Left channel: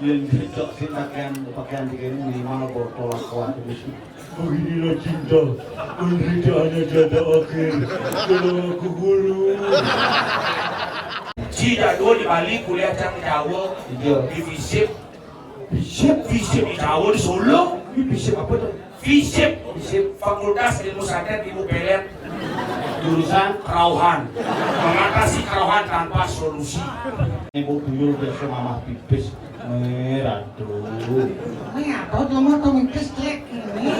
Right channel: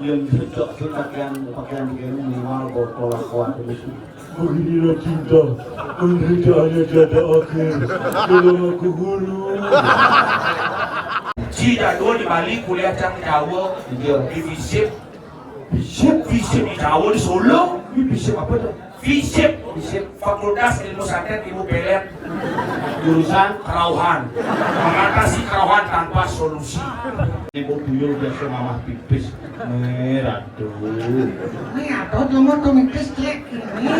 yang cocok sih pakaian begini minimal berkelakuan terus. Beginilah cinta, penderitaannya tiada akhir. Tolong aku guru. Cida dua di Bali kuliah cang Jawa di FISIP di Jawa di Solo. FISIP apa tuh? FISIP Fakultas Ilmu Santet Ilmu Pelet Jurusan Kerauhan, mengatasi kerauhan tanpa solusi. ibu tuyul biasa mamah pipis. Aduh. Ini apa tuh mau tuh mikis cek ini.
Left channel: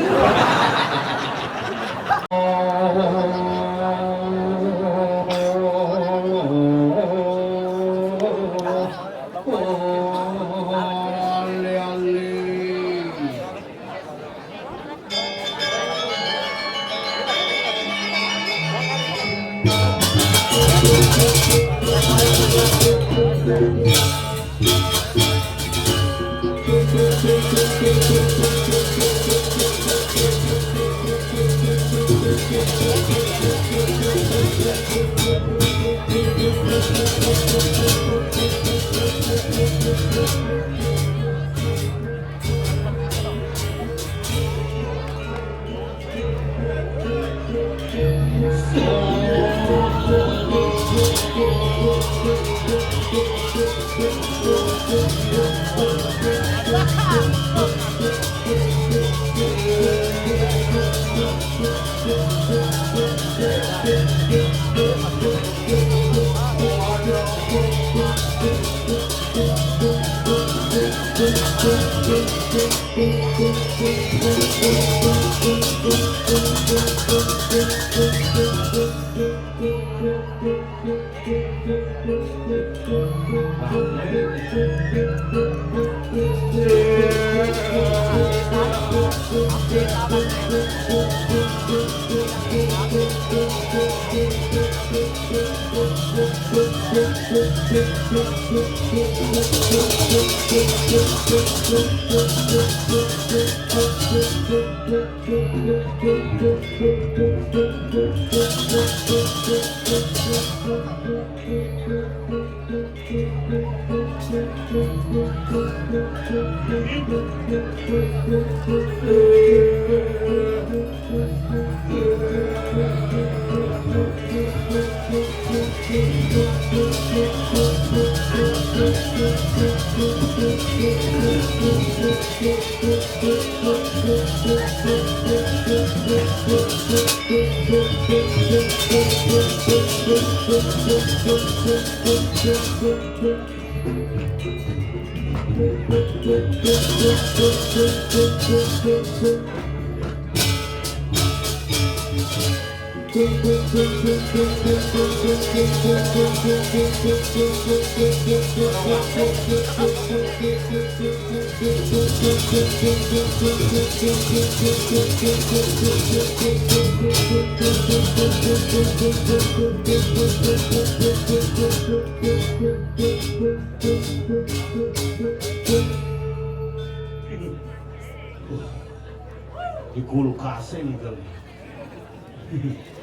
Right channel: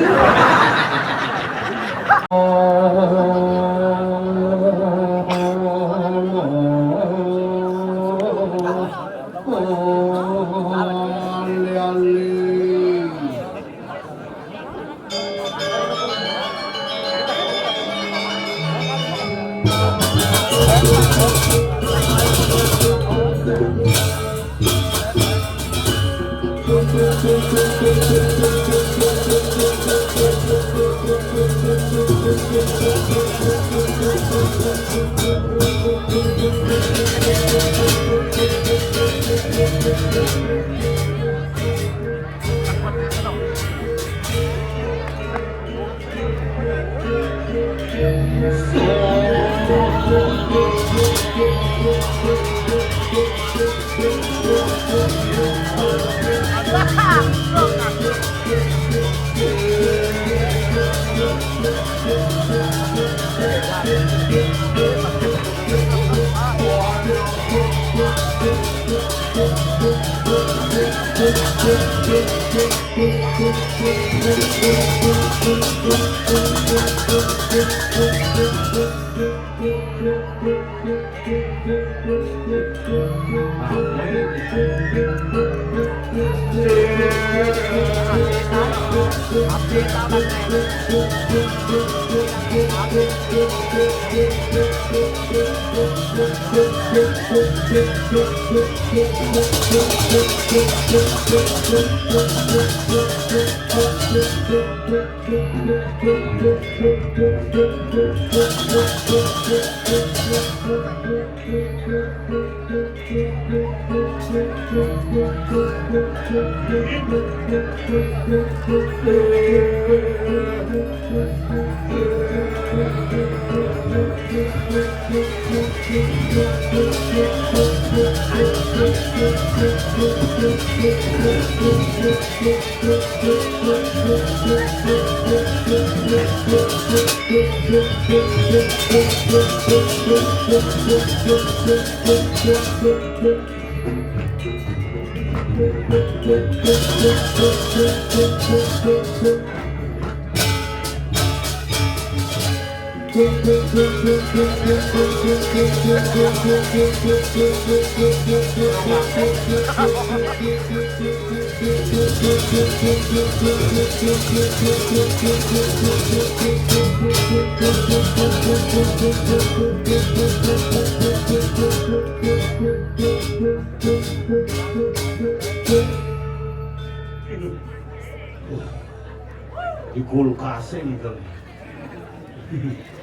Di kulkasnya gitu.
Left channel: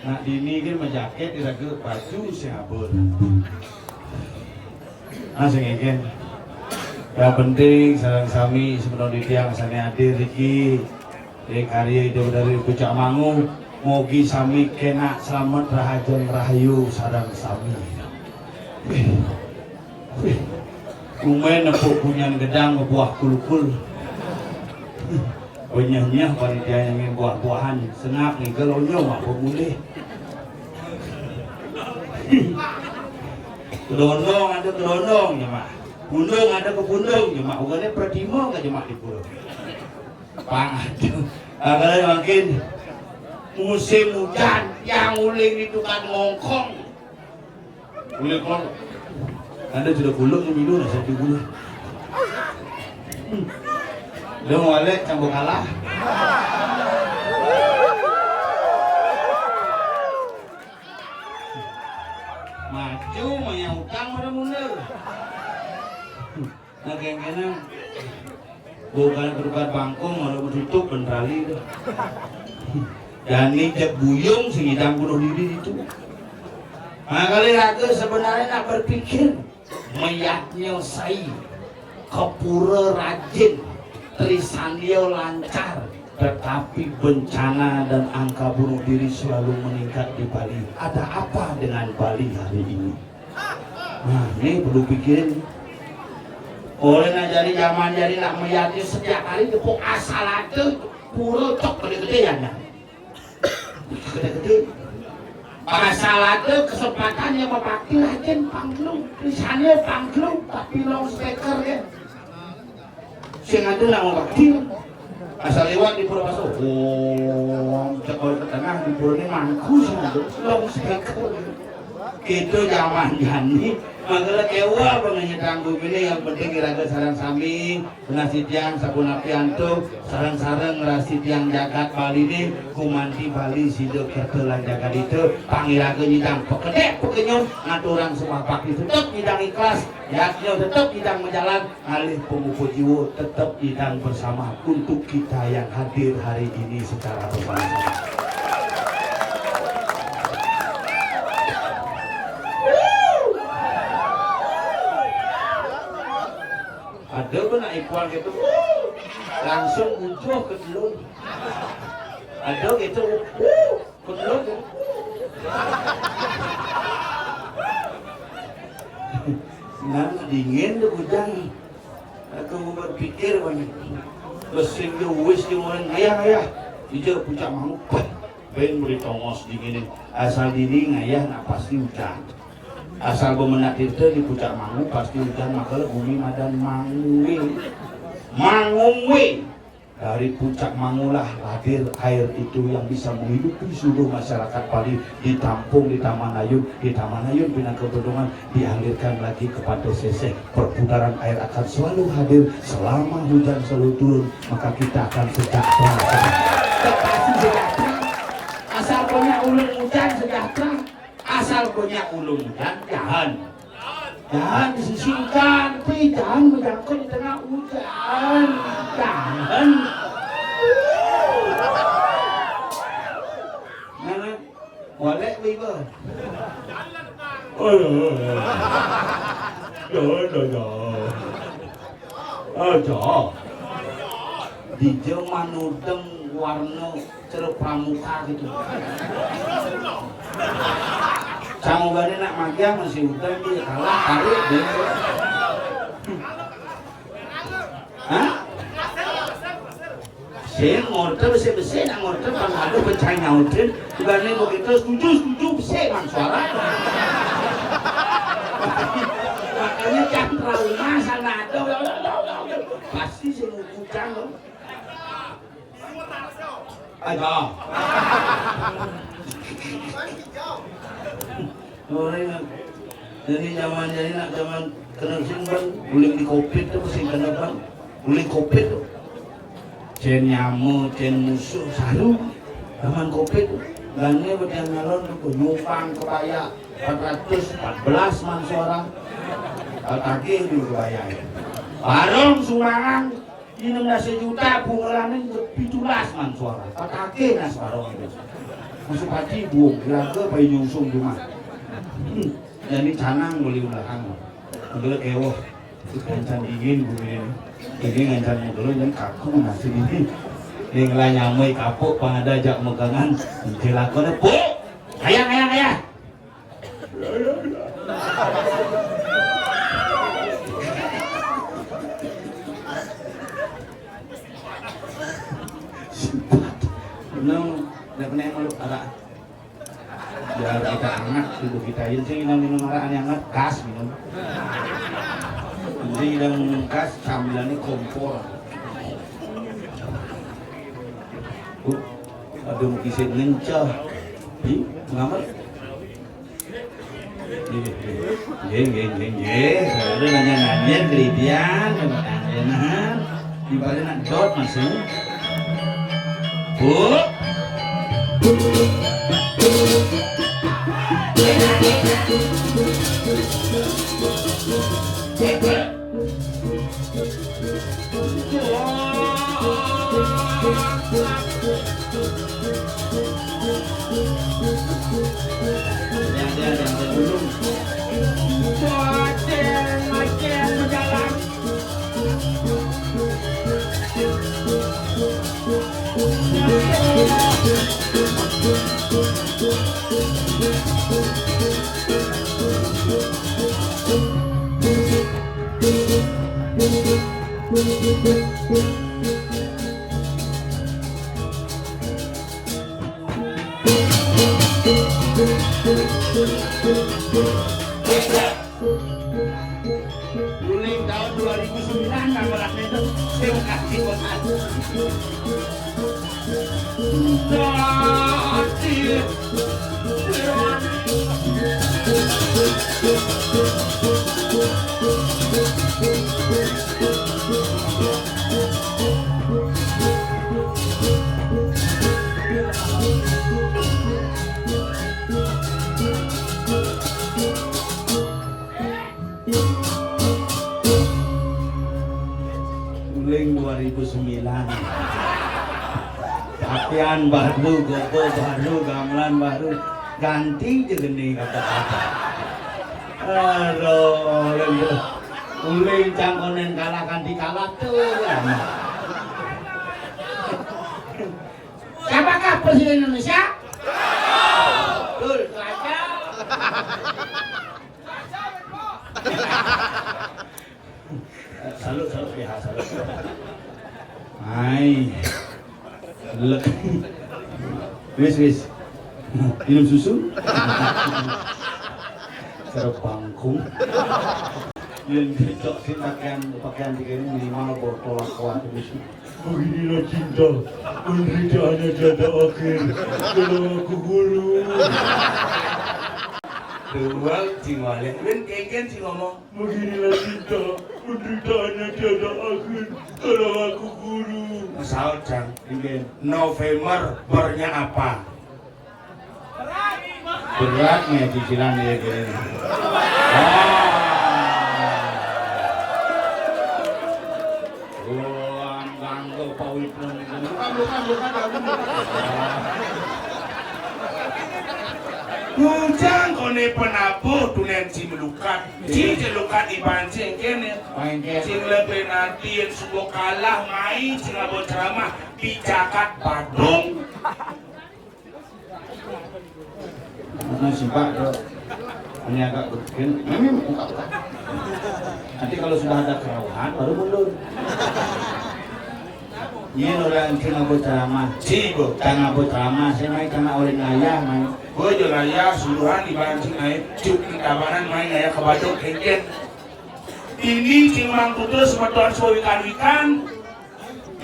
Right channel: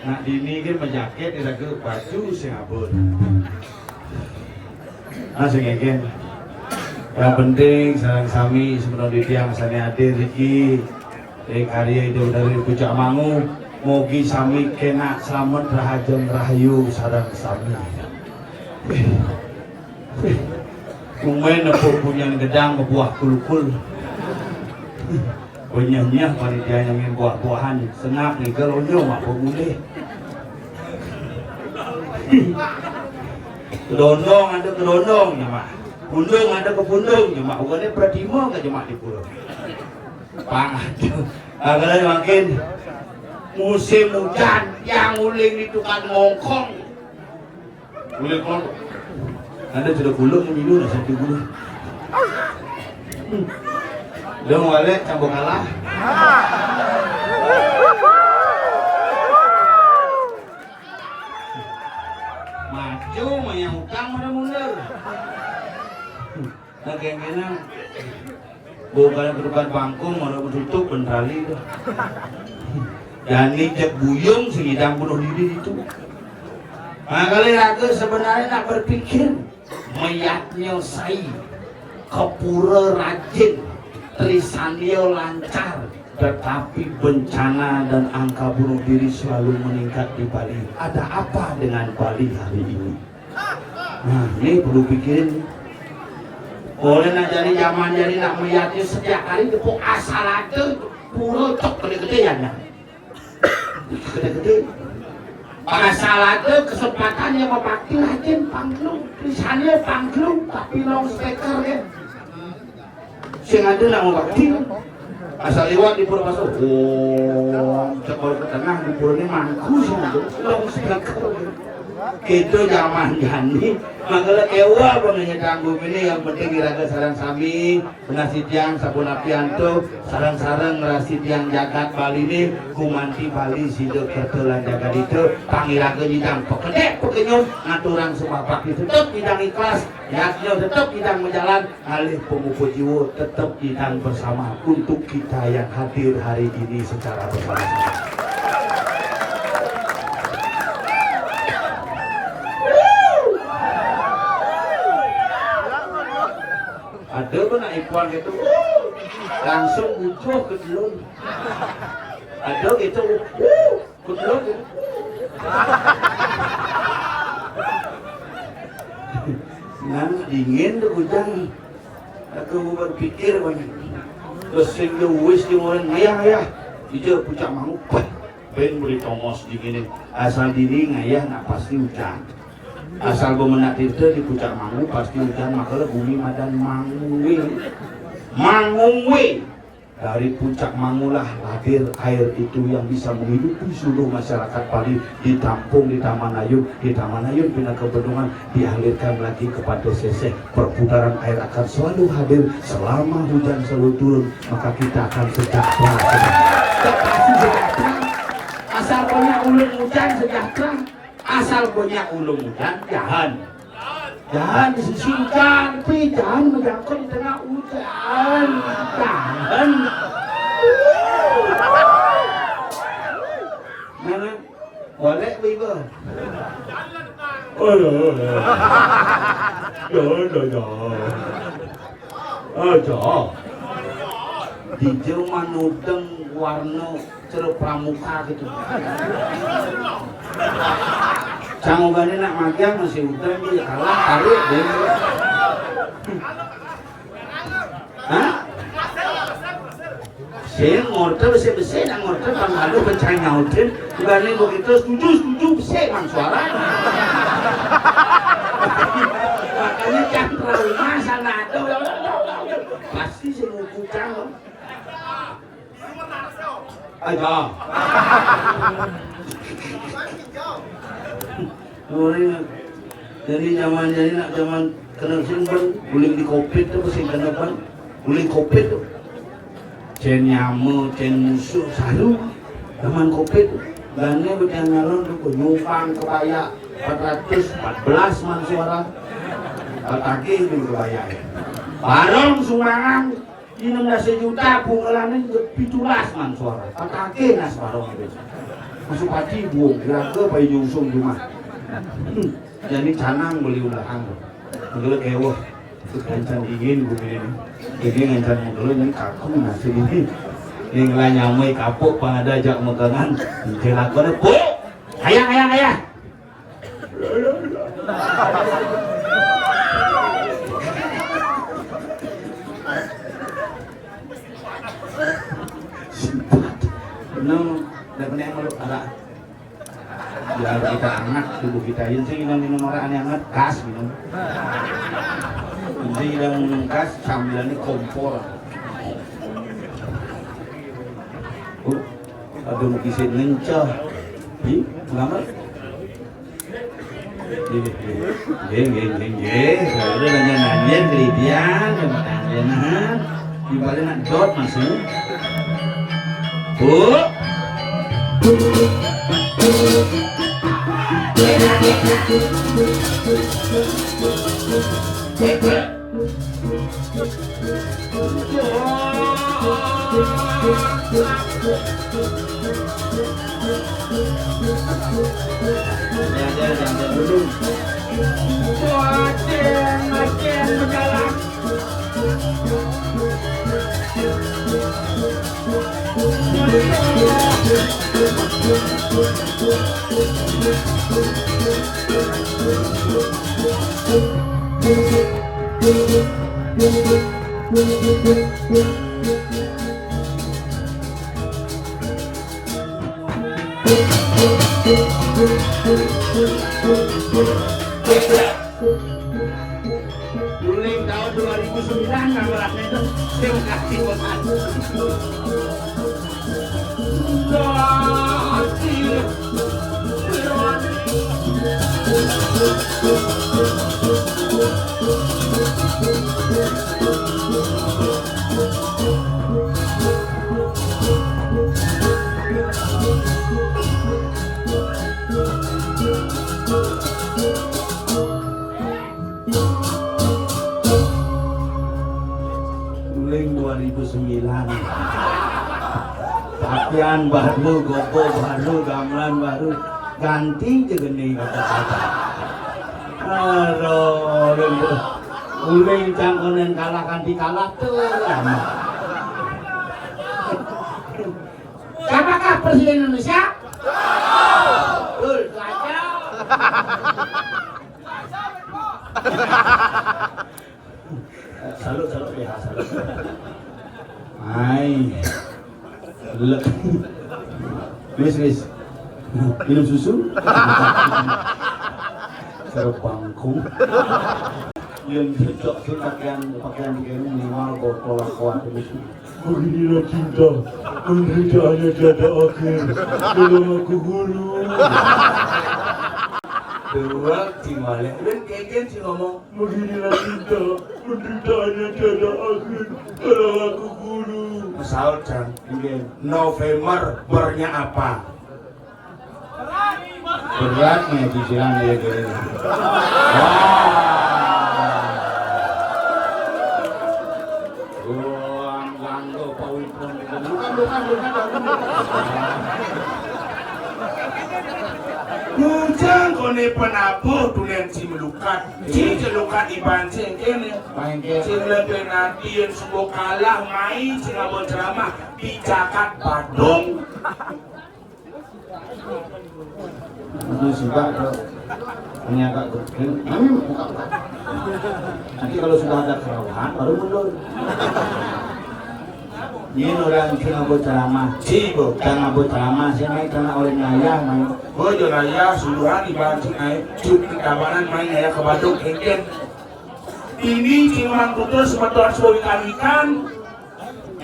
Nah ini kan menjaket kita ke baju si abon. Nah sengegen. Yang penting sarang sami sebenarnya tiang sane hadir iki karya itu dari pucak mangu mugi sami kena selamat rahajon rahayu sarang sami. Kumain nepuk punya gedang buah kulkul. Penyah-nyah panitia yang ingin buah-buahan senap nih gelonyo mak pemulih. Gelondong ada gelondong ya mak. Pundung ada ke pundung ya mak. Ugane pradima ke mak di pulau. Aduh, kalau makin musim hujan yang uling itu kan ngongkong. Uling kalau Anda sudah gulung minum satu gulung. Dia mulai campur kalah. Maju yang utang pada mundur. Nah kayaknya bukan ke depan panggung mau tutup bentrali itu. Yani cek buyung sehingga bunuh diri itu. Nah kali aku sebenarnya nak berpikir mayatnya saya kepura rajin, Trisanio lancar, tetapi bencana dan angka bunuh diri selalu meningkat di Bali. Ada apa dengan Bali hari ini? Nah, ini perlu pikirin. Oleh nak jadi zaman jadi nak melihatnya setiap kali tepuk asal ada pura cok gede-gedean ya. Gede-gede. Asal ada kesempatan yang memakai rajin pangklung, Trisanio pangklung, tapi long speaker ya. Sing ada nak memakai. Asal lewat di pulau masuk, coba ke tengah di pulau ini mangku saja, long speaker. Itu zaman jani, makanya kewa pengen tanggung ini yang penting kira sarang sami, ngasitian sabun apianto, sarang-sarang ngasitian jagat Bali ini, kumanti Bali sido ketelan jagat itu, pangiraga jidang pekedek pekenyum, aturang sepapak itu tetap jidang ikhlas, yaknya tetap jidang menjalan, alih pemuku jiwa tetap jidang bersama untuk kita yang hadir hari ini secara bersama-sama. Ada pun nak iklan gitu, langsung butuh ke telur. Ada gitu, ke telur. Nan dingin tu hujan. Aku berpikir banyak. Kesing dia wis dia orang ya. Dia pucak manguk. Ben beri tomos dinginin. Asal diri ngayah nak pasti hujan. Asal bemenak itu di puncak Mangu pasti hujan, maka bumi madan mangungwe dari puncak Mangulah hadir air itu yang bisa menghidupi seluruh masyarakat Bali, ditampung di Taman Ayun, bina kebendungan dialirkan lagi kepada seseh. Perputaran air akan selalu hadir selama hujan selalu turun, maka kita akan sejahtera. Asal banyak ulung hujan sejahtera. Asal punya ulung hujan, jangan disisihkan, tapi jangan menjangkau di tengah hujan, jangan. Mana? Boleh begitu? Di Jerman udeng warna ceruk pramuka gitu. Canggungane nak magang masih udang dia kalah tarik dia. Hah? Saya ngorder besi nak ngorder panghalu pencari ngorder. Dibanding begitu setuju besi bang suara. Makanya jangan terlalu masalah tu. Pasti saya mau kucang. Ada. Jadi zaman kena simbol guling di kopi tu sing kena apa? Guling kopi tu. Cen nyamu, cen musuh selalu zaman kopi tu. Dan ni macam ngalon tu nyumpang kebaya 414 man suara. Kaki di kebaya. Barong sumbangan 16 juta pengalaman 17 man suara. Kaki nas barong itu. Masuk pati buang, kira-kira bayi nyungsung di mana. Jadi canang beli udahan. Menurut ewo, kencan ingin bumi ini. Jadi kencan menurut yang kaku nasi ini. Yang lain nyamai kapok pada ajak megangan. Kelakuannya, bu, ayah. Dah pernah kalau ada biar kita hangat tubuh kita ini sih minum orang yang hangat gas minum ini yang gas sambilannya kompor. Ada mukisnya ngencah kenapa? Saya udah nanya kelebihan ibaratnya nak dot masuk bu. Uling tahun 2009 kameranya itu terima kasih buat aku. Uling 2009 pakaian baru, gopo baru, gamelan baru, ganti jegeni kata-kata. Aduh, uling cangkonen kalah ganti kalah tuh. Siapakah Presiden Indonesia? Betul, saja. Salut ya, salut. Hai. Wis. Minum susu. Terbangkung. Yang cocok sih pakaian begini minimal botol kuat terus. Beginilah cinta, penderitaannya tiada akhir. Tolong aku guru. Dua tinggalnya, dan kengken sih ngomong. Beginilah cinta, penderitaannya tiada akhir. Tolong aku guru. Misalkan, November bernya apa? Beratnya cicilan ya gini. Uang ganggu pawitun. Bukan. Hujan kone penabuh tulen si melukat. Si celukat iban cengkene. Si lebih nantian suku kalah mai si ngabot ceramah di Jakat Badung. Itu suka ini agak kecil. Nanti kalau sudah ada kerawahan baru mundur. Ini orang kena ceramah, cibo, kena ceramah, saya kena orang ayah, oh jual ayah, suluhan di barang sini, cuci kawanan main ayah ke Badung kengken. Ini cimang putus semeton suwi ikan,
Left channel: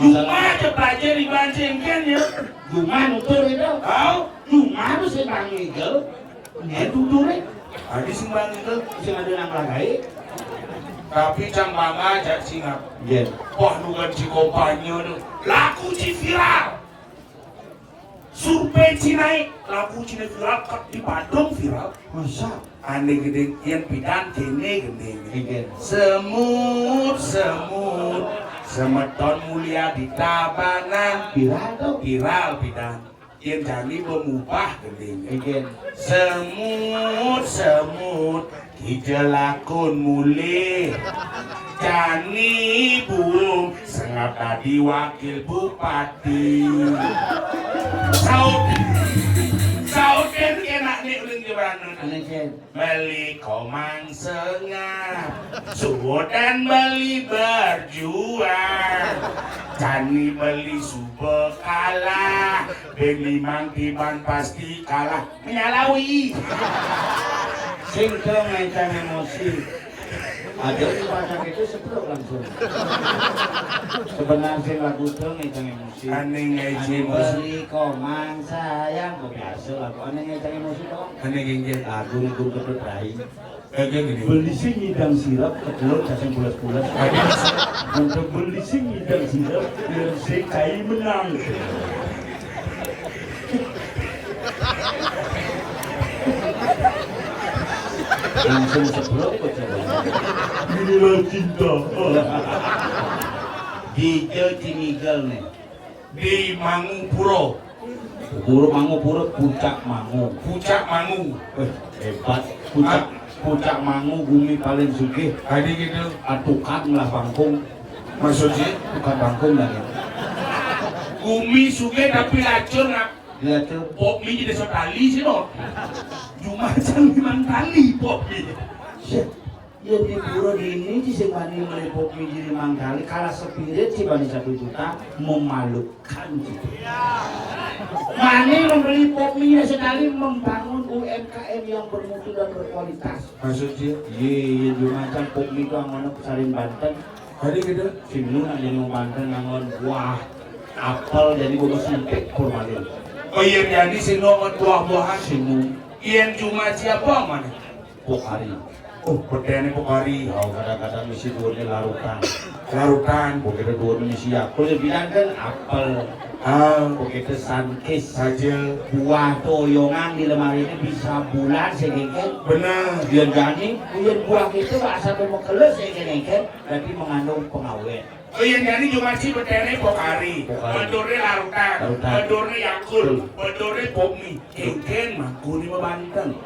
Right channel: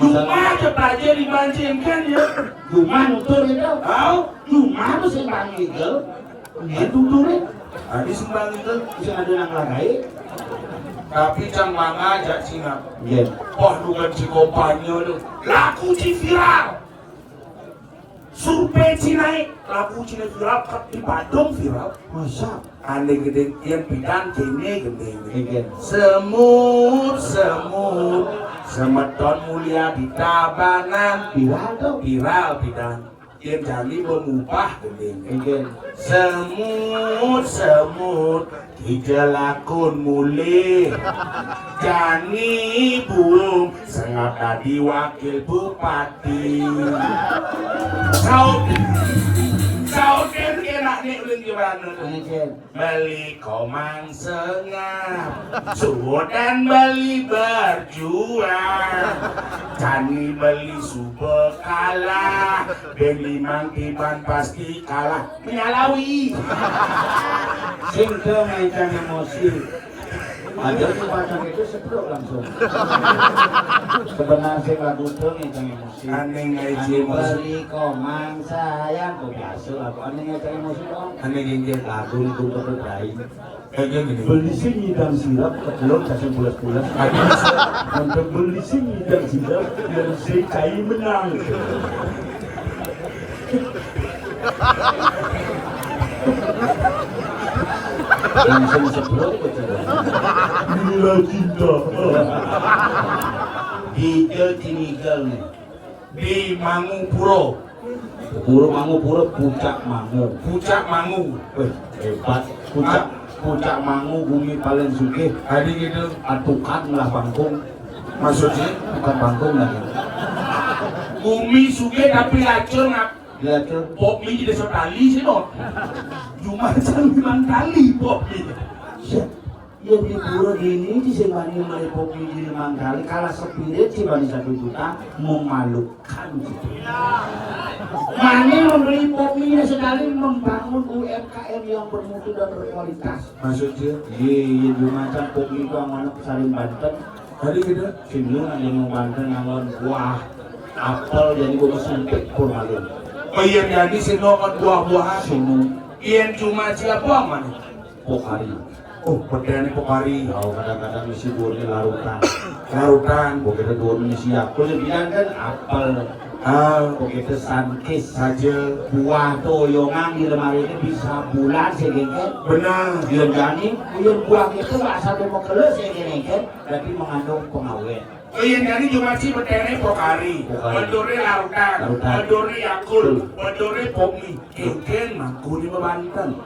cuma cepaja di barang kengken ya. Cuma nutur itu, oh, cuma tu sembang itu, tutur ni, ada sembang itu, bisa ngadu nang lagai. Tapi jam mama ajak sinap. Iya. Wah, bukan si kompanya tu. Laku si viral. Survei Cina, laku Cina viral di Badung viral. Masa? Ane gede yang pidan kene gede. Semut, semeton mulia di Tabanan. Viral tu? Viral pidan. Yang jani mengubah gede. Semut. Ija lakon mulih Jani Bung Sengap tadi wakil bupati Sauken kena nih uling beli komang sengap Sudan beli berjuang Jani beli sube kalah Beli mangkiban pasti kalah Menyalawi sehingga mainkan emosi ada pacar itu sebelum langsung sebenarnya saya lagu tuh mainkan emosi aneh ngejim beli komang sayang kok biasa lagu aneh ngejim emosi dong aneh ngejim lagu itu berderai beli sing ngidang sirap ketelur cacing bulas-bulas untuk beli sing ngidang sirap biar si kai menang langsung sebelum itu inilah cinta di Timigel nih di Mangupuro puncak Mangu hebat puncak Mangu bumi paling sugih tadi gitu atukan lah Bangkung Maksudnya bukan bangkung lagi. bumi suge tapi lacur ngap Lihat tuh. pop mi jadi sotali sih no. Cuma jangan bilang kali pop mi. Ya di pura ini di sebani mulai kopi di Mangkali kalah sepirit sih bani 1 juta memalukan gitu. Mane memberi kopi sekali membangun UMKM yang bermutu dan berkualitas. Maksudnya Iya di macam kopi itu amanah Sarin Banten. hari kita Sini ada yang Banten namun buah apel jadi gue suntik kurang. oh iya jadi sinokan buah-buahan Sini Ian cuma siapa mana? pokari. Oh, petani Pokari. Oh kadang-kadang isi dunia larutan. Larutan. Begitu dunia isi aku bilang kan apel. Begitu sankis Saja. buah toyongan di lemari ini bisa bulan segengket. Benar. Dia jadi, dia buah itu nggak sampai mau keles segengket, tapi mengandung pengawet. Oh iya jadi cuma si petani Pokari. Pokari. Bedore larutan. Larutan. Bedore Yakul. Bedore Popmi. Keken mangkuni Banten.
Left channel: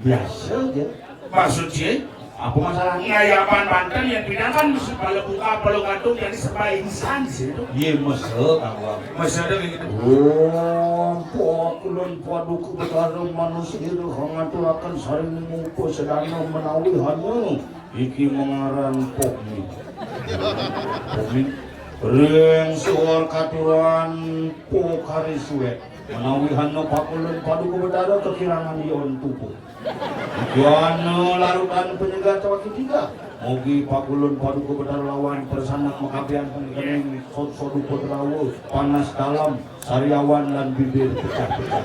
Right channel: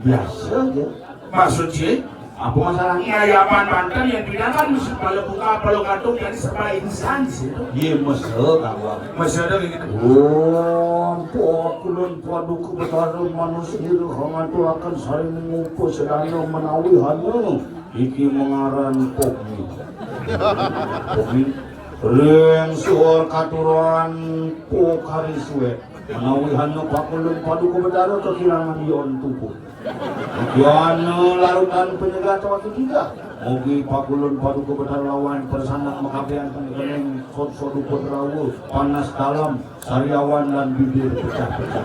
Biasa aja. Maksudnya Apa masalahnya? ngayapan Banten yang tidak kan mesti pada buka perlu gantung jadi sebagai insan sih. Iya mesel awal. Masih ada gitu. Oh, pokulun padu kebenaran manusia hangat akan saling mengukur sedang menawi hanu. Iki mengaran pokmi. Pokmi. Ring suar katuran pokari suet. Menawi hanu pokulun padu kebenaran kekiraman yon tubuh. Yana larutan penyegat waktu kita. Mugi pakulun padu kebenaran lawan persanak makabean penggening sod-sodu kodrawu panas dalam sariawan dan bibir pecah-pecah.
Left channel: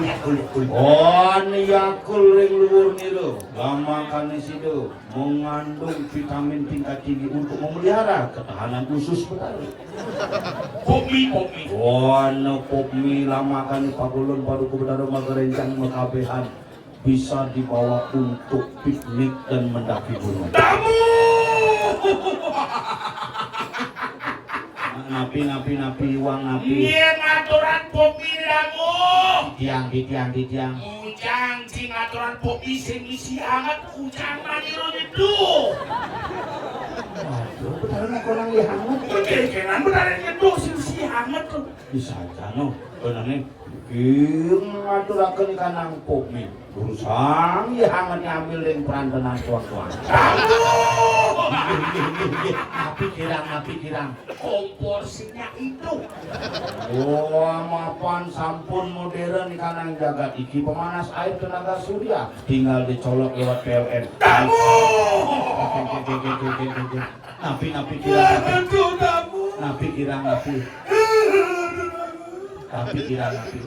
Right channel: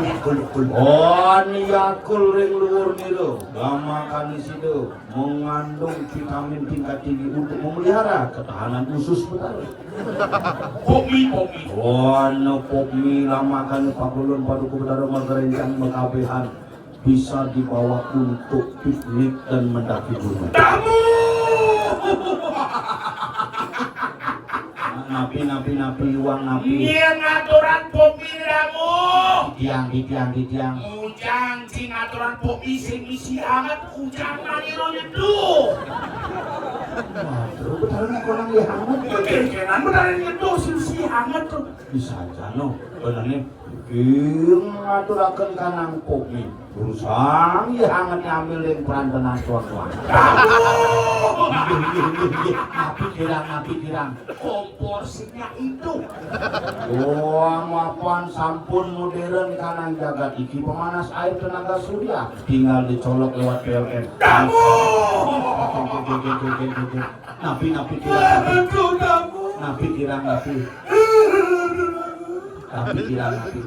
Yakul. On yakul ring luhur nilu gama kanisido mengandung vitamin tingkat tinggi untuk memelihara ketahanan usus benar. Popmi. On popmi lama kan pakulun padu kebenaran merencang makabehan bisa dibawa untuk piknik dan mendaki gunung. Tamu. Napi uang napi. Iya ngaturan Popmi kamu. Tiang. Ujang si ngaturan Popmi sing isi hangat ujang maniro itu. Waduh, betul kurang dihangat. Kekenan benar itu si hangat tuh. Bisa aja no. Benernya. Ngaturakeun kanang kopi. Urusang ya hangat ambil yang peran tuan-tuan. Napi kirang. Komporsinya itu. Mapan sampun modern kanang jagat iki pemanas air tenaga surya. Tinggal dicolok lewat PLN. Tamu. Napi kirang. Aduh tamu. Napi kirang.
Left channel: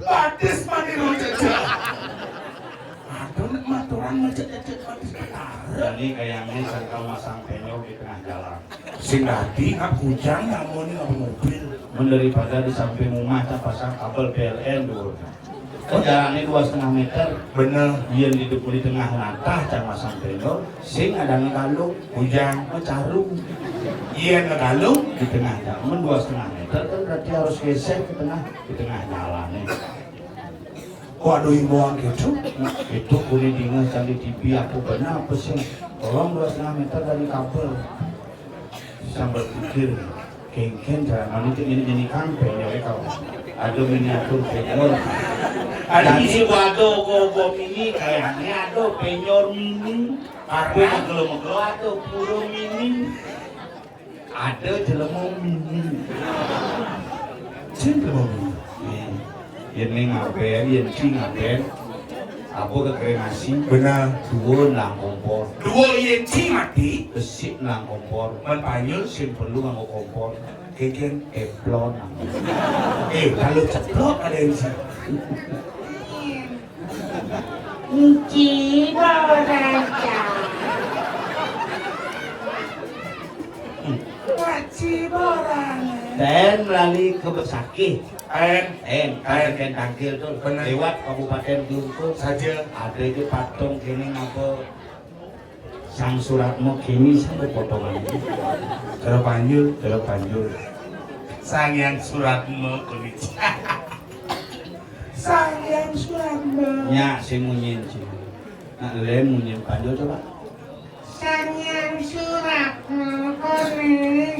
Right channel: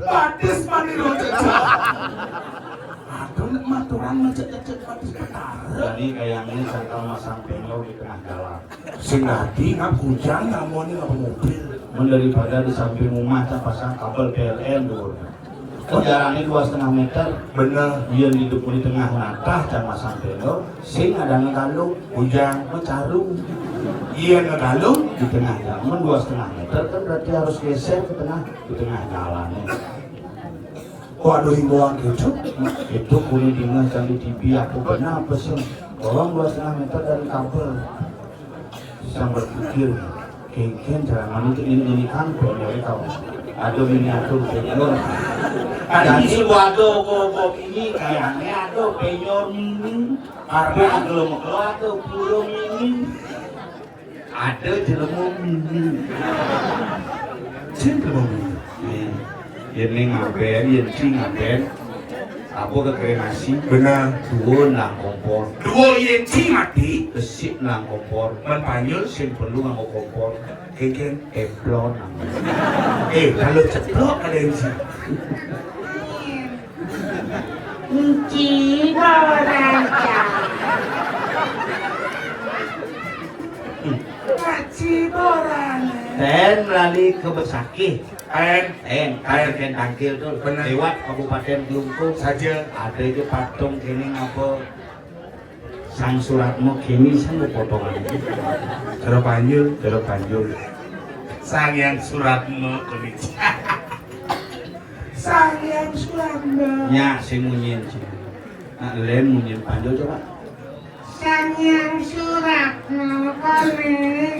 Batis maniro cecak. Aduh maturan cecak batis ketara. Jadi kayak ini serta masang penyo di tengah jalan. Sing ngerti ngap hujan ngamoni ngap mobil. Daripada di samping rumah pasang kabel PLN dulu. Jalannya 2,5 meter. Bener. Dia di tengah latah dan masang penyo. Sing ada ngekalung hujan mencarung Iya ngegalung. di tengah jalan 2,5 meter kan berarti harus geser ke tengah di tengah jalan. Waduh himbauan gitu. Itu kuri dingin cari TV aku benar apa sih? Orang 2,5 meter dari kabel. Bisa berpikir, kengken jangan itu ini kantor ya kamu. Ada miniatur penyor. Ada Jadi waduh kok ini kayaknya ada penyor mini. Karena belum ada puro mini. Ada jelemu mini. Jelemu. Ini ngapain, ini sih ngapain. Aku kreasi Bener. dua nang kompor. Dua yenci mati. Besik nang kompor. Menpanyul. Sing perlu nganggo kompor. Keken. Eplon nang. Kalau ceplok ada yang sih. Dan melalui ke Besakih. Kain Tangkil tuh Benar. lewat Kabupaten Klungkung saja. ada itu patung kini apa Sang Suratmo kini saya potongan Terpanjul. terpanjul Sang yang suratmu kulit. Sang yang suratmu. nya si munyin sih. Nah, lem munyin panjul coba. Sang yang suratmu Mengkone,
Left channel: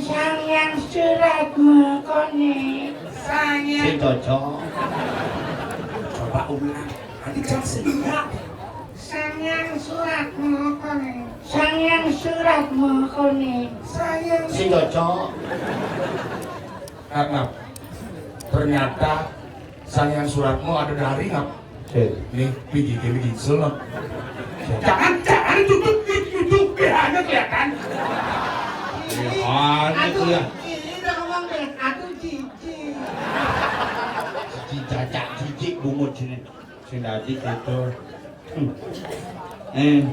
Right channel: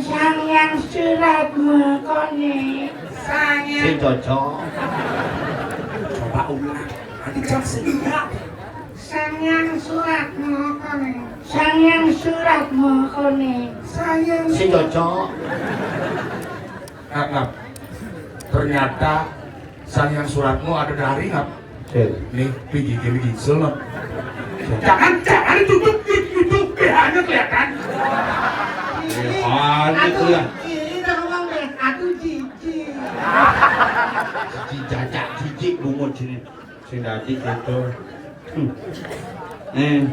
sayang surat mengkone. Sing Sayang, cocok. Coba ulang. Nanti jangan sehingga. sayang surat mengkone. Sayang surat mengkone. Sayang Sing cocok. Ngap. Ternyata sayang suratmu ada dari ngap. Nih, biji selot. Jangan tutup BH-nya kelihatan. Ada tuh ya. Ini doang deh, aku jijik. Cicak cicik lumut sini. Sing dadi gitu.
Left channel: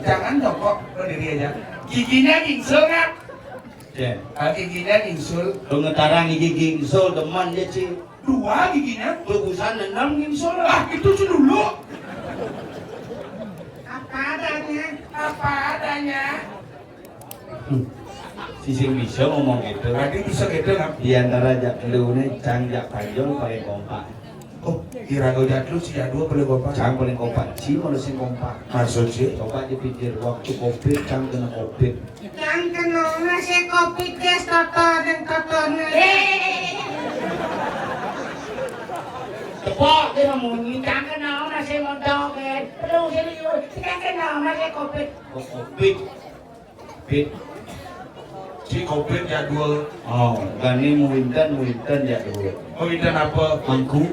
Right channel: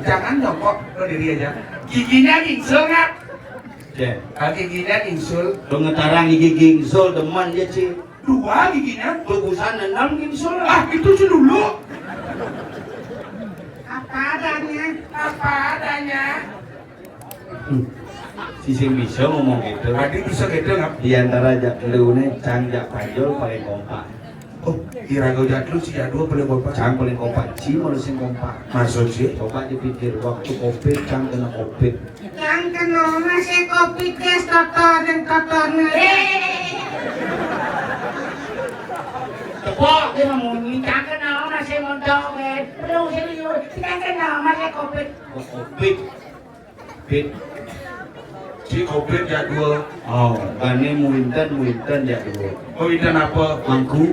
Jangan dong kok berdiri aja. Giginya gingsul ngap. Ya. Giginya gingsul. Lu ngetarang gigi gingsul demen dia sih. 2 giginya. Bagusan 6 gingsul lah. Ah, itu sih dulu. Apa adanya? Si sing bisa ngomong gitu. Tadi bisa gitu ngap. Di antara jak leune cang jak panjol paling kompak. Oh, kira-kira jadul si jadul boleh bapak. Cang paling kompak. Si mau sing kompak. Maksud sih? Coba dipikir waktu covid cang kena covid. Yang kena masih kopi tes kotor dan kotornya. Tepok Dia ngomongin yang kena masih mondok kan. Belum serius. Yang kena masih kopi. covid. Covid. Si covid jadul. Oh, gani muinten ya dulu. Oh, ini apa? Mangku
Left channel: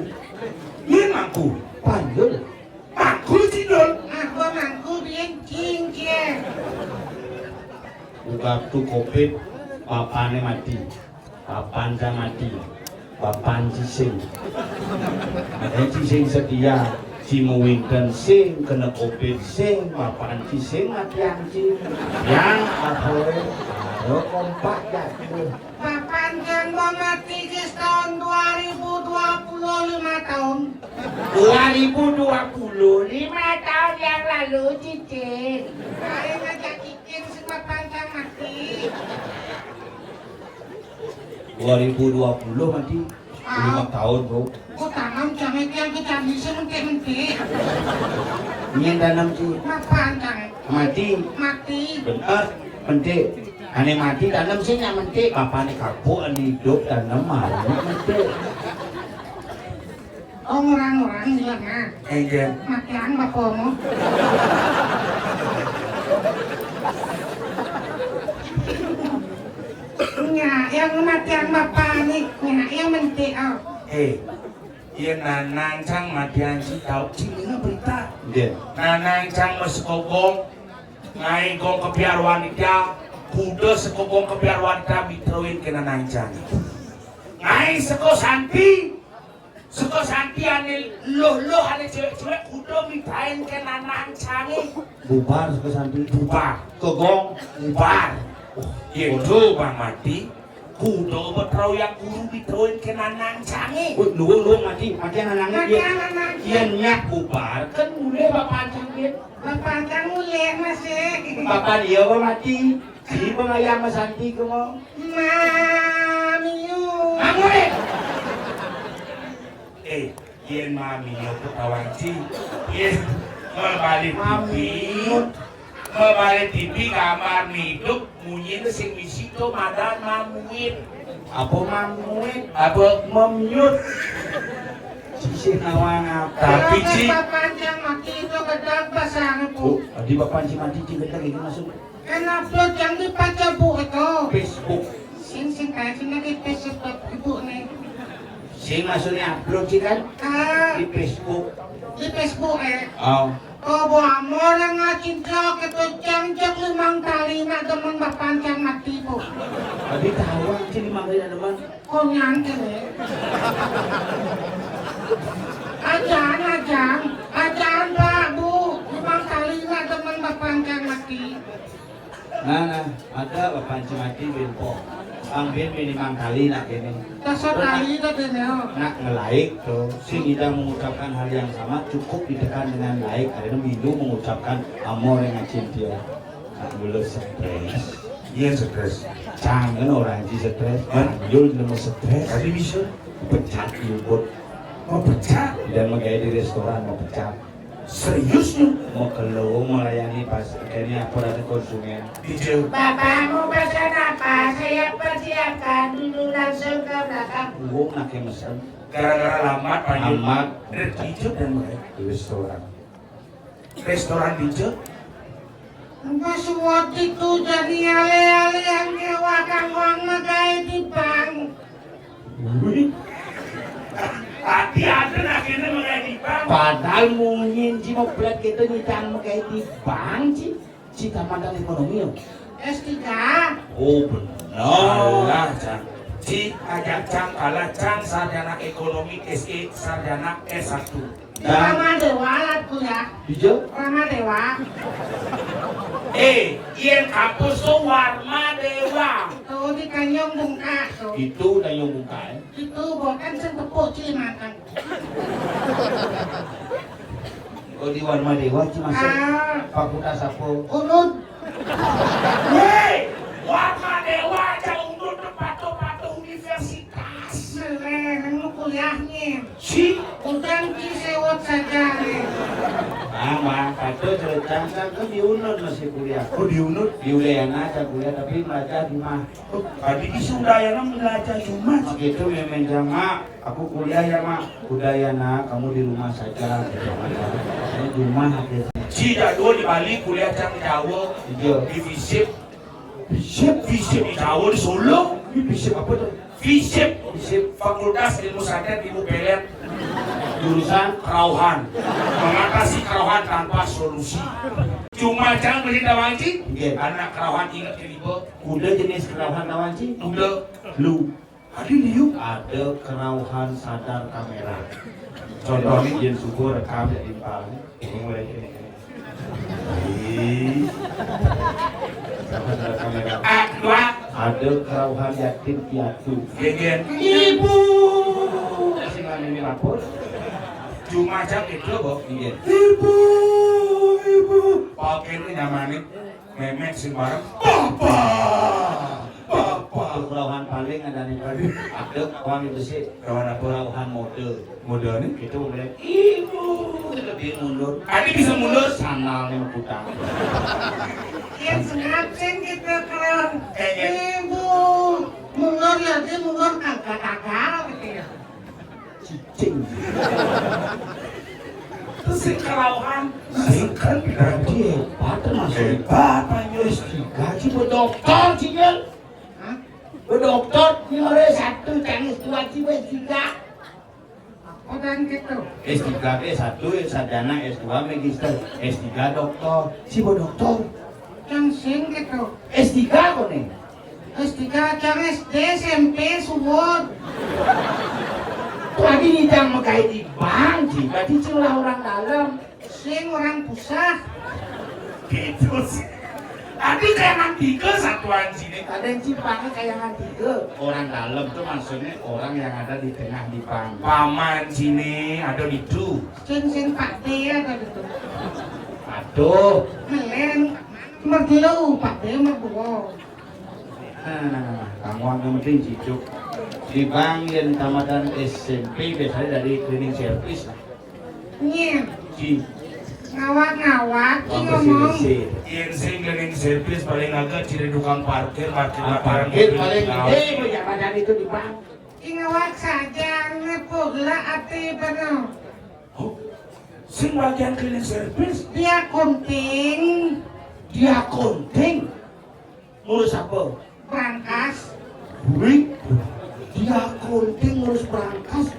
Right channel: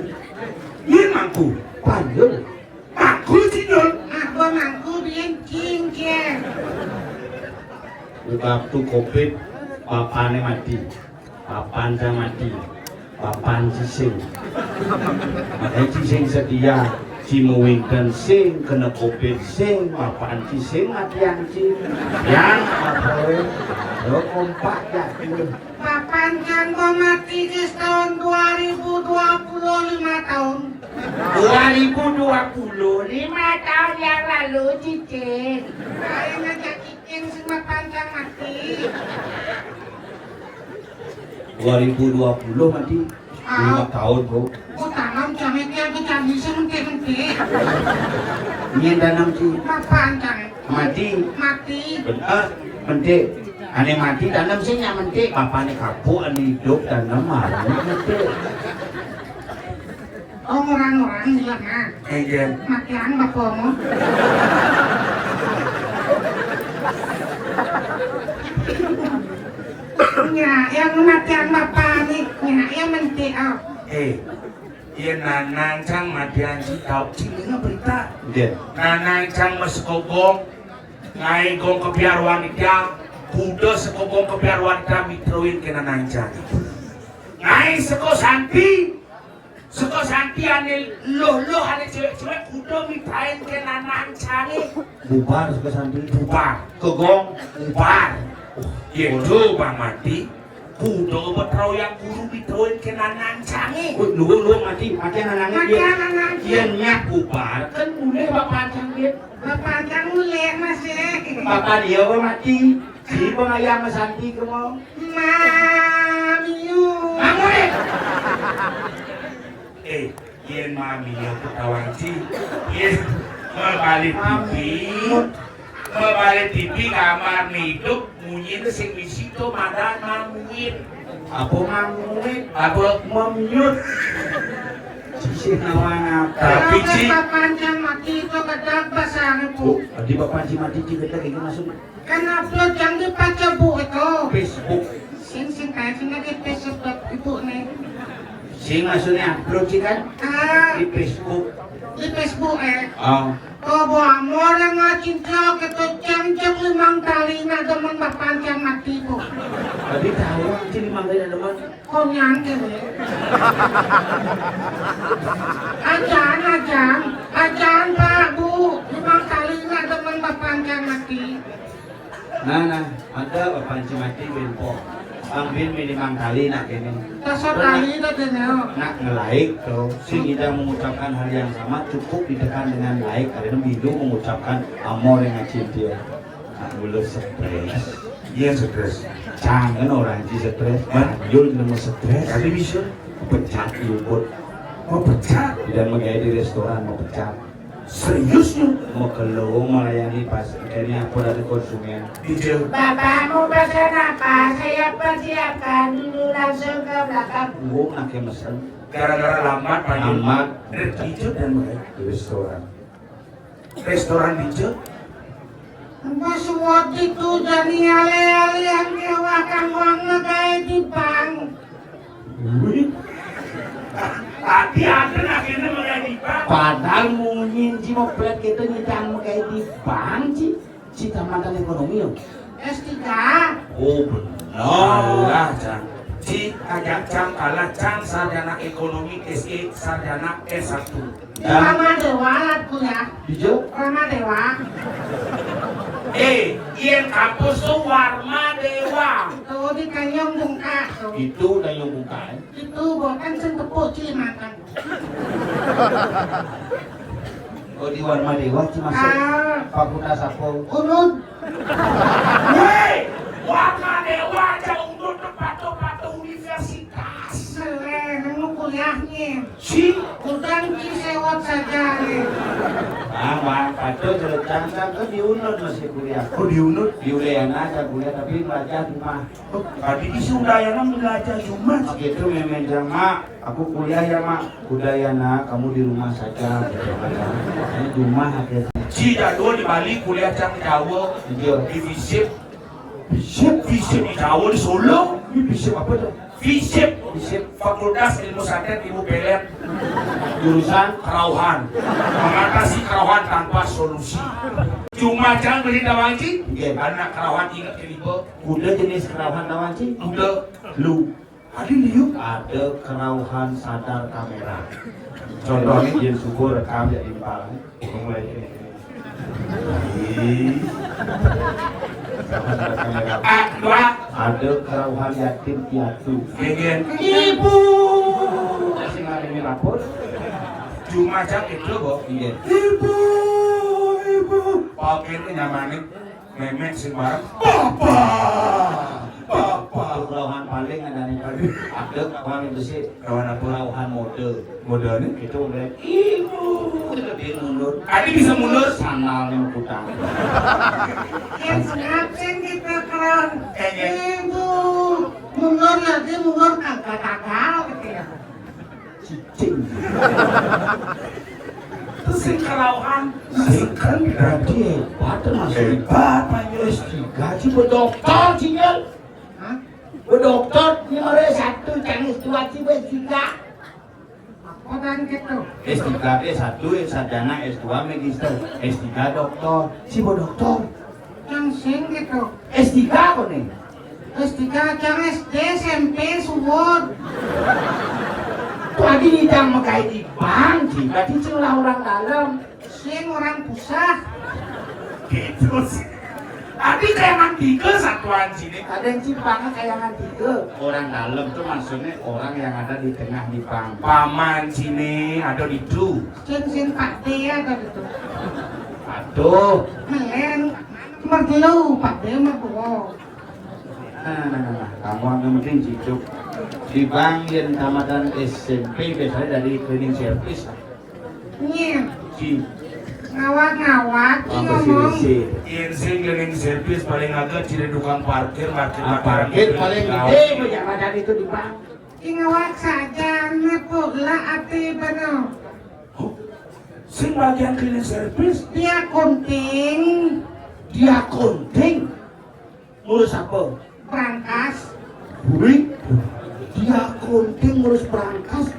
Ini aku. panjol. Aku sih dul. Aku mangku dia cincin. Waktu covid papane mati. Papan cang mati. Papan cising. Makanya cising sedia. Si muinten sing kena covid sing papan cising mati yang cing. Yang apa lo kompak ya dulu. Papan Janggo mati di tahun 2025 tahun. 2020 5 tahun yang lalu cicin. Ayo ngajak cicin semua panjang mati. 2020 mati 5 tahun bro. Ku tanam cabai yang kecambi sementik-mentik. Nyen danam sih Panjang. mati Mati. bener mentik ane mati tanam sih nyak mentik papane kapuk ane hidup tanam malah mentik. Orang-orang bilang ah, Egen. makian bapakmu. Ya, yang kematian bapak nih, ya, yang mentik oh. Iya nanang cang matian si tau. Cingnya berita. Dia Nanang cang mesekogong. Ngai gong kebiar wanita. Kuda sekogong kebiar wanita mitroin ke nanang cang. Ngai seko santi. Seko santi ane loh ane cewek-cewek kuda mitrain ke nanang cang. bubar ke samping Bubar. kegong Bubar. Itu bang mati. Kuda betrau yang guru mitroin ke nanang cang. lu mati anangnya dia Makian anak. dia nyak bubar kan boleh bapak canggih Bapak kan mulai masih. bapak dia mati si pengayam santi kemau Mamiu. bangun Yen mami yo ketahuan sih. Yen kembali TV kamar hidup munyin sing misi to madan mamuin. apa ngamuin Apa memyut sisi nawang apa Tapi, Ci. Panjang mati itu gedang pasang bu. di bapak si mati juga kayak gitu masuk Kan upload yang dibaca bu itu. Facebook Sing kayak sini di Facebook ibu nih. sing maksudnya upload sih kan Ah, di Facebook di Facebook oh Oh, bomo orang ngacinta gitu jam 5 kali na teman panjang mati bu. tapi tahu sih di mana ada mana Kau nyangke nih. Ajan pak bu. 5 kali na teman panjang mati. nah ada bapak si mati benpok Angin minimal kali nak gini Kasar kali itu deh. nak nge-like tuh si kita mengucapkan hal yang sama cukup ditekan dengan like karena video mengucapkan amor yang ngacin dia nak belum stres Iya stres. cangen orang si stres yul nemu stres Tadi bisa pecat yul mau pecah. tidak menggaya di restoran mau pecat Serius lu? Mau keluar melayani pas akhirnya aku dari konsumen. Dijel. Bapak mau pesan apa? Saya persiapkan dulu langsung ke belakang. Gua pakai mesen Gara-gara lambat panggil. Lambat. Dijel dan mulai. di restoran. Restoran dijel. Mas waktu itu jadi ale-ale yang kewakan uangnya kayak di bank. Tadi ada akhirnya mulai di bank. Padahal mungkin si mobil kita nyicang kayak di bank sih. Si tamatan ekonomi loh. S3. Oh benar. Allah, Cang. Si ajak Cang kalah Cang sarjana ekonomi SE sarjana S1. Rama Dewa aku ya. Hijau? Rama Dewa. Yen kampus tuh Warma Dewa. Tuh di Kanyong Bungka tuh. Itu udah yang buka ya. Itu bukan sentepuk Cilimakan. Kalau di Warma Dewa sih masuk Ah, fakultas apa? urut. Hei, Warma Dewa aja undur tempat-tempat universitas. Seleng kuliahnya. Si Udah sewot saja nih. Mang Paco cerita kan di UNUD masih kuliah. oh diundur. Di UDN aja kuliah tapi belajar di mah. Tadi di Sundayana belajar cuma. Begitu memang mak, aku kuliah ya mak. Udayana kamu di rumah saja. Ini di rumah akhirnya. Si jadul di Bali kuliah Cang Jawa. Hijau. Di FISIP. FISIP di Jawa di Solo. Ini bisa apa tuh? FISIP. Bisa Fakultas Ilmu Santet Ibu Pelet. jurusan Kerauhan. Mengatasi kerauhan tanpa solusi. Cuma Cang beri tawanci. Iya. Anak kerauhan ingat kelibo. kuda jenis kerauhan nawan sih? Udah. Lu. Adi liuk. Ada kerauhan sadar kamera. Contohnya jen syukur rekam ya impal. Dua. Ada kerauhan yatim piatu. Gegen. Ibu. Masih ngalami lapor? Cuma Cang itu bo. Iya. Ibu. Pakai itu nyamanin. Memek sing bareng. Papa. Untuk kerauhan paling ada nih paling. Ada kerauhan itu sih. Kerauhan mode. Modalnya. Itu udah ibu. Lebih mundur. Adi bisa mundur. Sandalnya putang. Yang sengaja kita keren. Kayaknya. Ibu. Mulur ya dia mulur kagak-kagak gitu ya. Cicing. Terus sing kerauhan. Sing kan berarti hebat termasuk Hebat. S3 sih berdokter sih kan. Hah? Berdokter nomor 1 Chinese 2 sih S3. Orang gitu. S3 S1 sarjana S2 magister S3 dokter si berdokter. Yang sing gitu. S3 apa nih? S3 yang SD, SMP, suwon. Tadi ditang makai di bank sih. Tadi celah orang dalam. Sing orang pusat. Gitu sih. Adi kayak tiga satuan sini. Ada yang cipang kayak tiga. Orang dalam itu maksudnya orang yang ada di tengah di bank. Paman sini ada di tu. Sing Pak D ada gitu. Aduh. Melen. Cuma dulu Pak D mah gua. Kamu yang penting cicuk. Di bank dan tamatan SMP biasanya dari cleaning service. Iya. Ci. Ngawat-ngawat sih Sampai ngomong. sini. Insing cleaning service paling agak ciri tukang parkir parkir Parkir paling gede pejabat itu di bank. Ngawat saja ngepula hati benar. Sing bagian cleaning service Dia kunting, Dia konting. Ngurus apa? berangkas. Buri. Dia konting ngurus berangkas.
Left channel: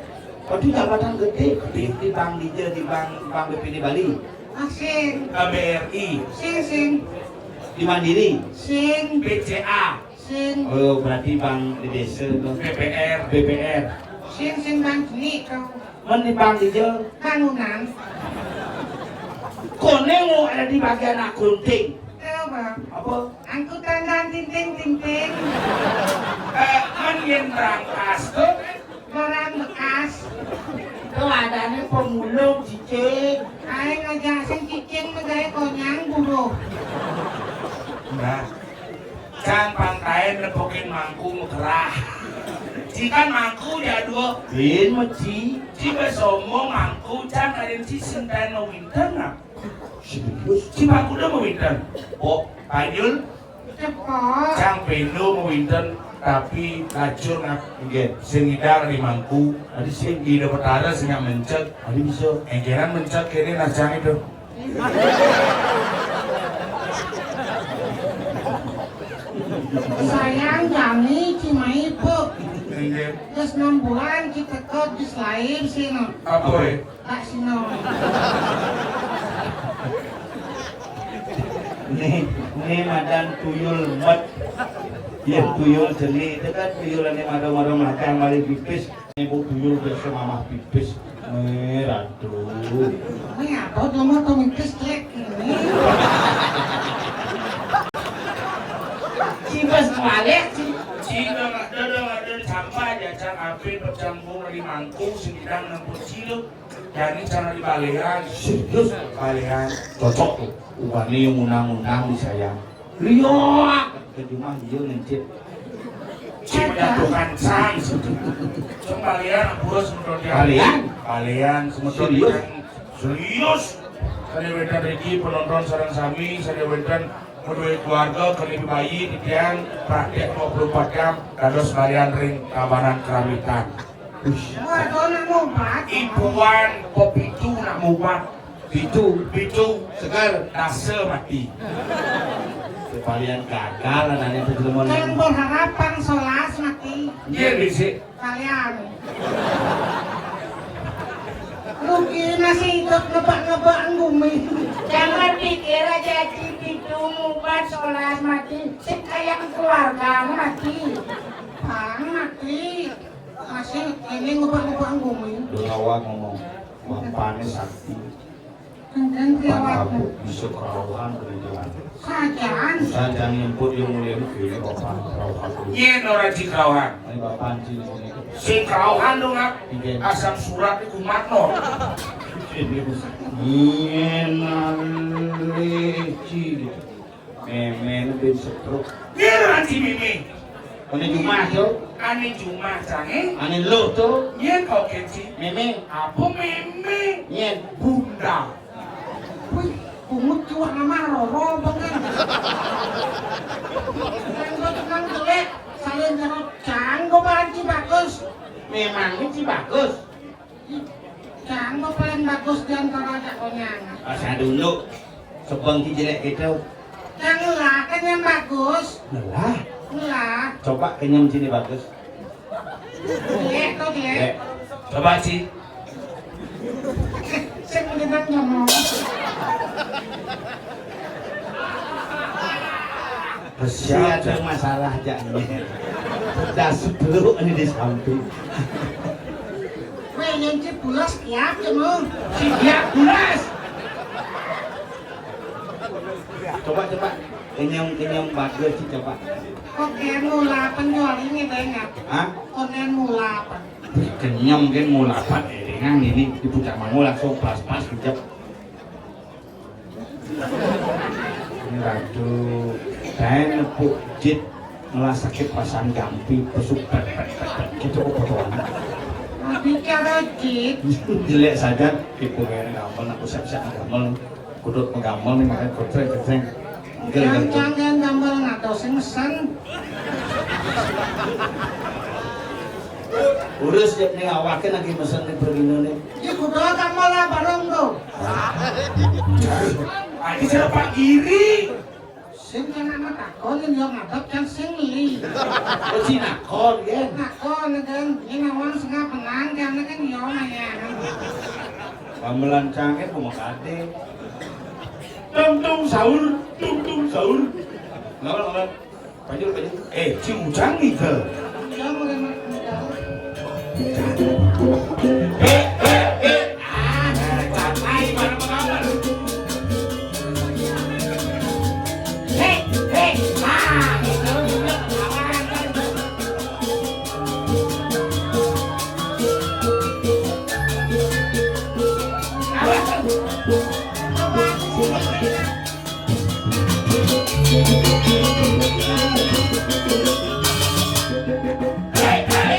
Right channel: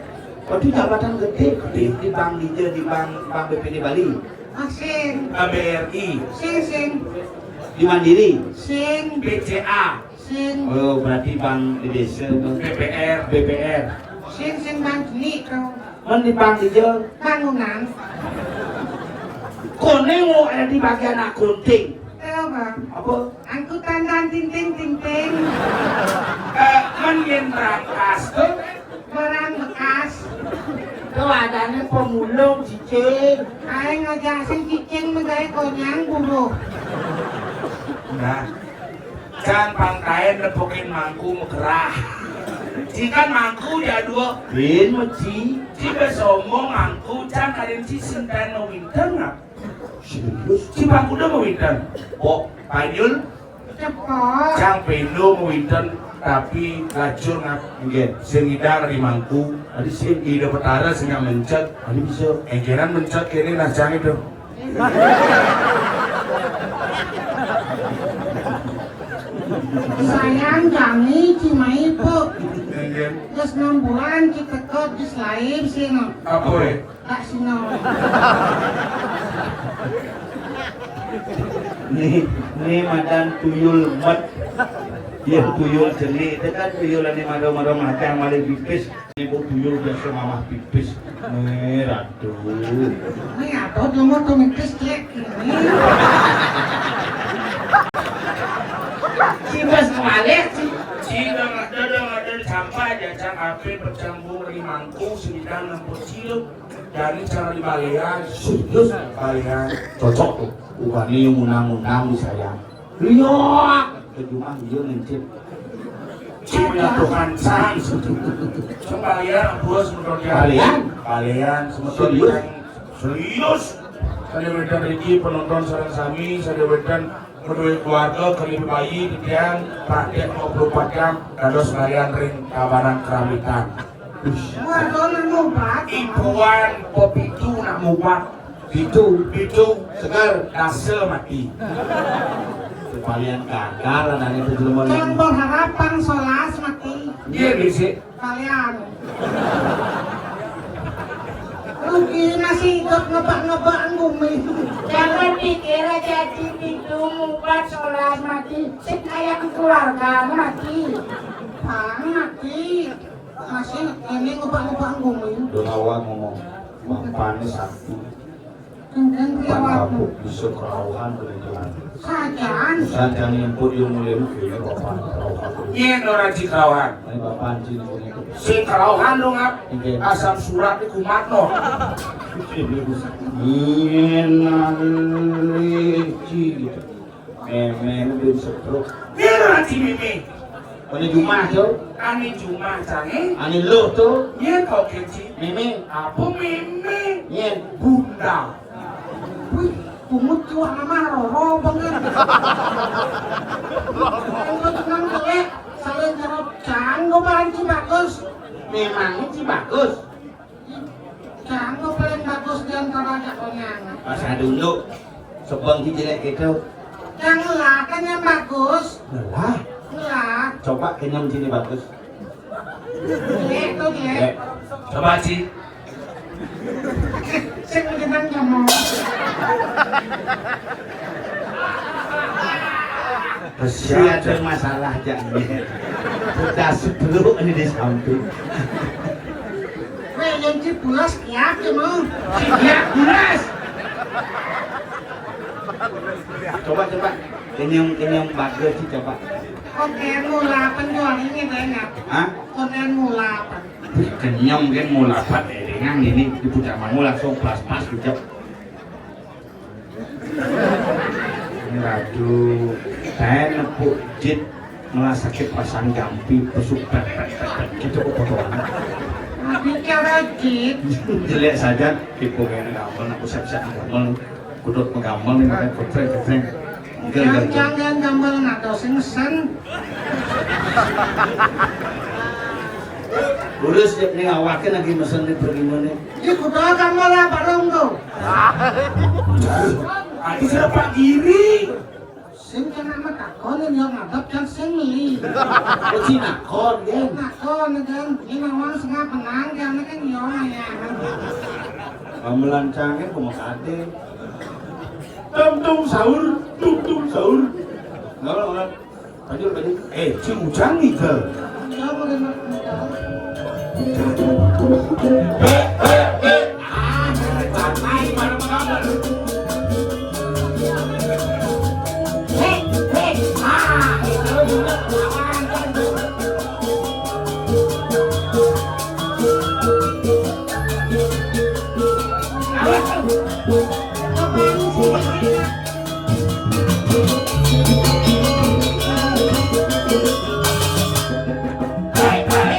Tadi jabatan gede di bank di bank BPD Bali. Sing, KBRI sing, Di Mandiri. sing, BCA sing, Oh, berarti bank di desa itu. BPR. sing mandiri kau. Kan di bank di jalan. Bangunan. Koneng lo ada di bagian akunting. Apa? Apa? Angkutan dan tinting. kan yang berangkas tuh Barang bekas. Itu adanya pemulung cicing. Aing ngajasin cicing negara konyang buruh. nah can pangkain nepokin mangkung gerah Jika mangku ya dua. Bin meci. Jika somong mangku can kalian si sintan no winter nggak? Serius? Si mangku udah mau winter. Oh, Payul. Cepet. Cang pendo mau winter tapi lacur nggak? Enggak. Sing idang di mangku. Ada sih. Ida pertara sing mencet. Ada bisa. Engkeran mencet kini nasang itu. Sayang kami Cimahi po. Engken. Terus 6 bulan kita kok terus lahir sino. Apa ya? Tak sino. Nih madan tuyul mat. Ya tuyul jeli itu kan tuyulannya maro-maro macam mari pipis. Ibu tuyul biasa mamah pipis. Aduh. Ini apa tuh mau tuh mikis cek ini. Cibas balik. Jika ada sampai aja can api bercampur di mangku sembilan 60 kilo. Jadi cara di balian. Serius? Balian. Cocok tuh. Wani munang-munang disayang. Liok. Ke rumah dia mencit. Cina tukang can. Kembalian bos menurutnya. Balian. Serius? Serius. Saya berikan Riki penonton sarang sami. Saya berikan kedua keluarga kelima bayi di tiang praktek 24 jam dados balian ring kawanan kerawitan. Waduh nemu bat. Ibuan kopi itu nak mubat. Itu segar dase mati. Kepalian gagal lah nanti terjelma. Yang berharapan solas mati. Iya bisa. Kalian. Rugi nasi hidup nebak-nebak bumi. Jangan pikir aja itu mubat solas mati. Sekalian keluarga mati. Bang mati. Masih ini nebak-nebak bumi. Dorawan ngomong, Bampane sakti. Dan Pan lewat kapuk bisa kerauhan berjalan. sajaan. Sajang imput yang mulai rugi, bapak kerauhan. Nyen orang Cikawan. Ini bapak cini ini. Sing kerauhan dong ngap. Asam surat di kumatno. Inaleci. Memen bin setruk. Nyen orang Cimimi. Ini Jumat tuh, Ani Jumat cange. ini lo tuh, Nyen kau keci. Meme, Apa meme? Nyen. Bunda. Wih, kumut tua nama roro banget. Gue cuma jelek, saling jawab can, gue banci bagus. Memang ini bagus. Can, gue paling bagus dan kalau ada penyanyi. Masa dulu, sebelum jelek itu, Yang lah kan yang bagus. lelah. Lah, Coba kenyam sini bagus. jelek tuh jelek. Coba Ci. Sik menjelang ngomong. Masih ada masalah jangan. Sudah sebelum ini di samping. Weh, yang cipulas kiak cuma. Siap jelas. Coba kenyam bagus sih coba. Oke, mula penjual ini banyak. Hah? Konten mula. Kenyam kan mula apa dengan ini di puncak mangu langsung pas gitu. Ini radu dan nepuk jit sakit pasang gampi pesuk gitu kebetulan. Tapi kerajit. Jelek saja tipu kayak gampang aku siap-siap gampang kudut menggampang nih makanya kutreng Jangan gambar ngato sengsen. urus dia nih awaknya lagi mesen di perginya nih. Di kuda gambar lah bareng tuh. Adi siapa kiri? Sing kena mah takon yang ngadep kan sing li. Oh Cina kon kan. Takon kan ini memang setengah penang karena kan yo ya. Gamelan canggih mau kade. Tung sahur. Ngalah. Lanjut. Cincang nih ke. Yo mulai modal.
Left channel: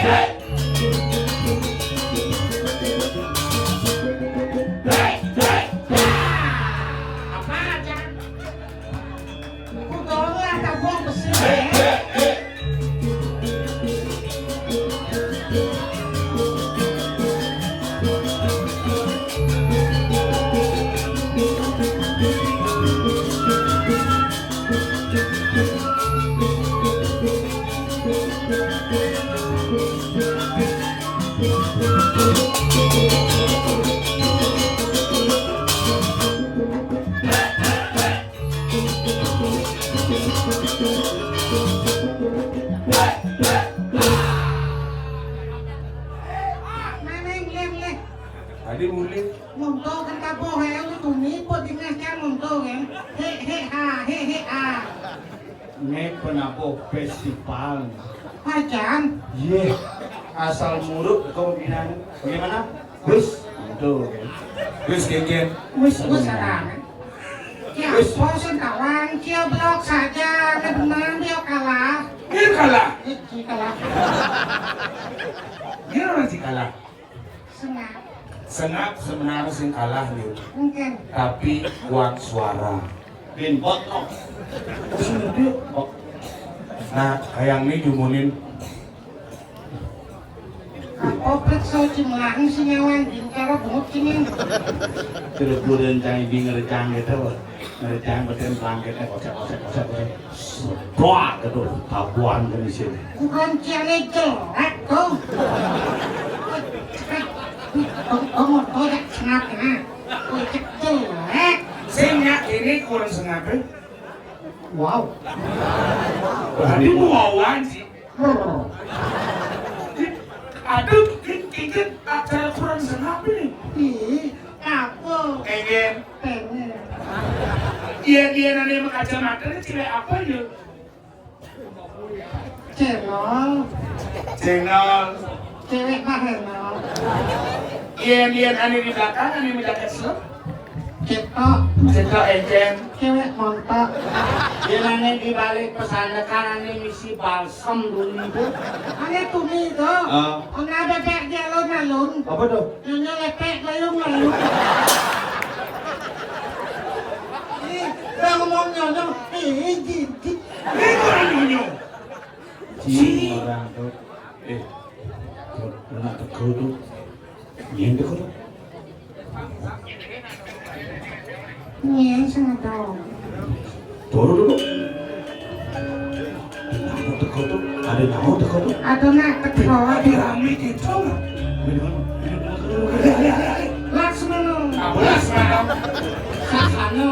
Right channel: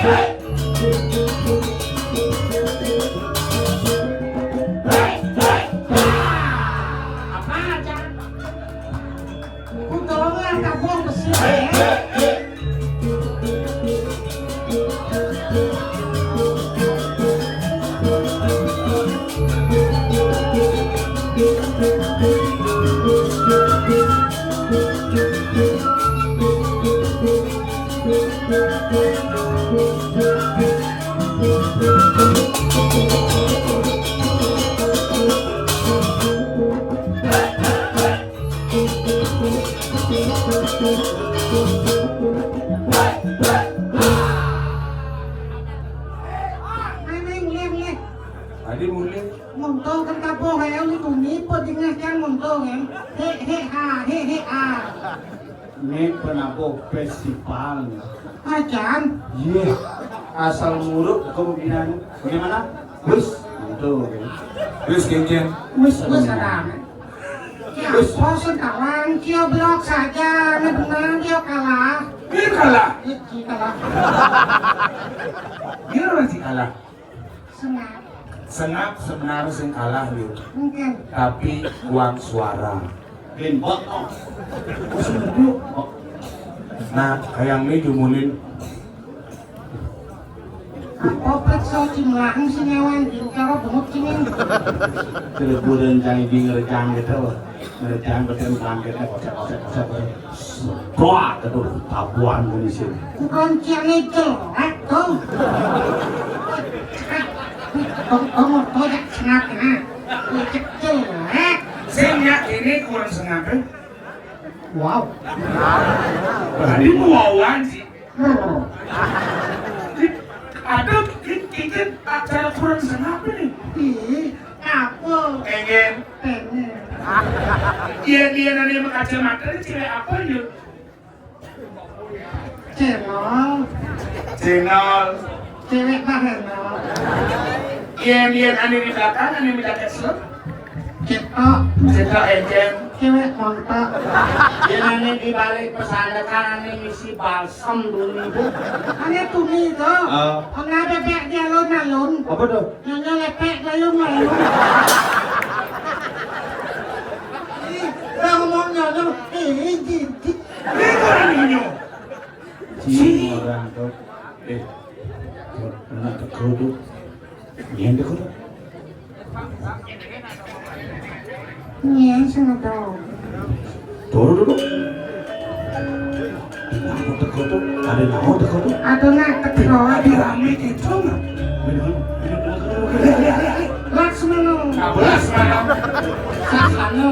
Hey! Tadi mulai Ngonto kan kapo hayang ni tumi po tinggal kan ngonto kan. He. ini penapo festival. Ajan. Ye, asal muruk kemungkinan gimana? Wis, itu kan. Wis keken. Wis serang. Ya, bosan kawan, kio blok saja, ini benar dia kalah. Ini kalah. Ini kalah. Dia orang sih kalah. Senang. Senap sebenarnya sing kalah dia. Mungkin. Tapi uang suara. Ben bot. Sudah dia. Nah, hayang ini jumunin. Apa periksa cimlang si nyawan cara bengok sini. Terus bulan cari di ngerjang gitu. Ngerjang betul bangkit. Doa gitu. Tabuan di sini. Bukan ciannya jelek tuh. Kamu tidak senap ya. Kucek jelek. Saya ini kurang sengaja. Wow. Tadi wawan sih. Aduh, kita acara kurang sengaja nih. Ih, apa? Pengen. Pengen. Dia nanti kacamata ini cewek apa ya? Channel. Channel. Cewek bahaya. Dia nanti di belakang, nanti di belakang slot. Cetok. Cetak ejen. Cewek kontak. Ini di balik pesanakan ini misi balsam dulu itu. Hanya tumi itu. Karena bebek dia alun-alun. Apa tuh? Hanya lepek gayung-gayung. Ngomongnya tuh, jidik. Ini orang ini. Orang tuh. Pernah teko tuh. Yang teko tuh. Iya, sana tahu. Toro dulu. Nama teko tuh. Ada nama teko tuh. Aduh nak teko. Di rame gitu nggak? Laksmana. Kabelas malam. Sasano.